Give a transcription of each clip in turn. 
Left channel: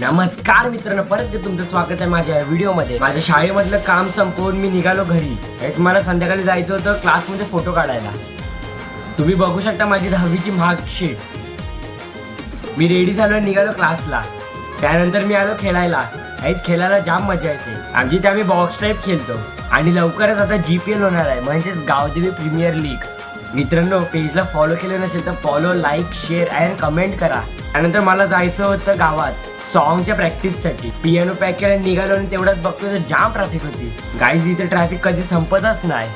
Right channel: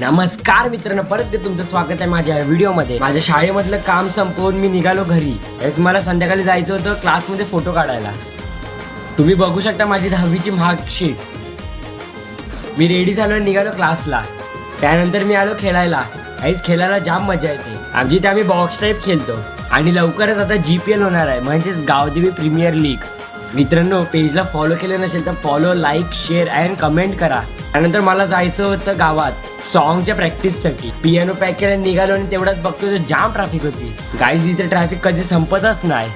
नमस्कार मित्रांनो, परत तुमचं स्वागत आहे माझ्या व्हिडिओमध्ये। माझ्या शाळेमधलं काम संपवून मी निघालो घरी। हेच मला संध्याकाळी जायचं होतं क्लासमध्ये फोटो काढायला। तुम्ही बघू शकता माझी 10वीची मार्कशीट। मी रेडी झालो निघालो क्लासला। त्यानंतर मी आलो खेळायला। आईच खेळायला जाम मजा येते। आमची इथे आम्ही बॉक्स टाईप खेळतो आणि लवकरच आता GPL होणार आहे, म्हणजेच गावदेवी प्रीमियर लीग। मित्रांनो, पेजला फॉलो केलं नसेल तर फॉलो, लाईक, शेअर आणि कमेंट करा। त्यानंतर मला जायचं होतं गावात सॉन्गच्या प्रॅक्टिससाठी। पियानो पॅक केला निघालो आणि तेवढ्यात बघतो तर जाम ट्रॅफिक होती। गाईज, इथे ट्रॅफिक कधी संपतच नाही।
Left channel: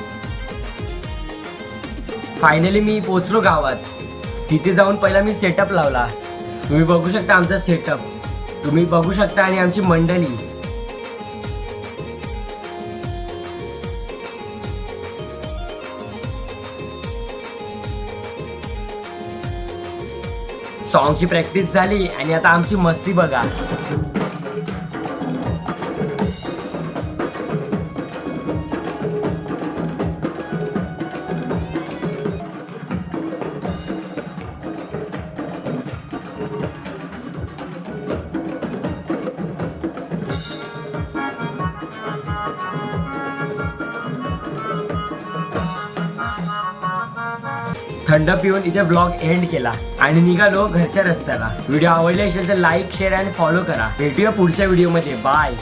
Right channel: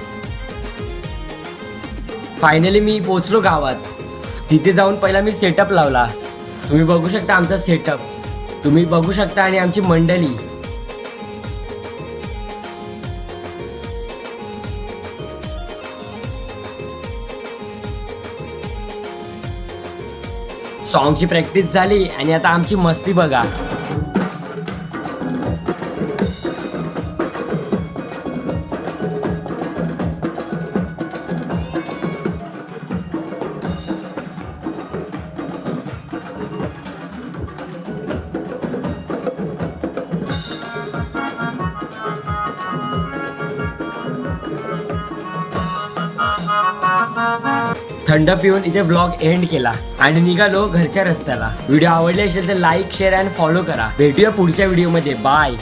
फायनली मी पोहोचलो गावात। तिथे जाऊन पहिला मी सेटअप लावला। तुम्ही बघू शकता आमचा सेटअप, तुम्ही बघू शकता आणि आमची मंडळी। सॉन्गची प्रॅक्टिस झाली आणि आता आमची मस्ती बघा। थंड पिऊन इथे ब्लॉग एंड केला आणि निघालो घरच्या रस्त्याला। व्हिडिओ आवडले असेल तर लाईक, शेअर आणि फॉलो करा। भेटूया पुढच्या व्हिडिओमध्ये। बाय।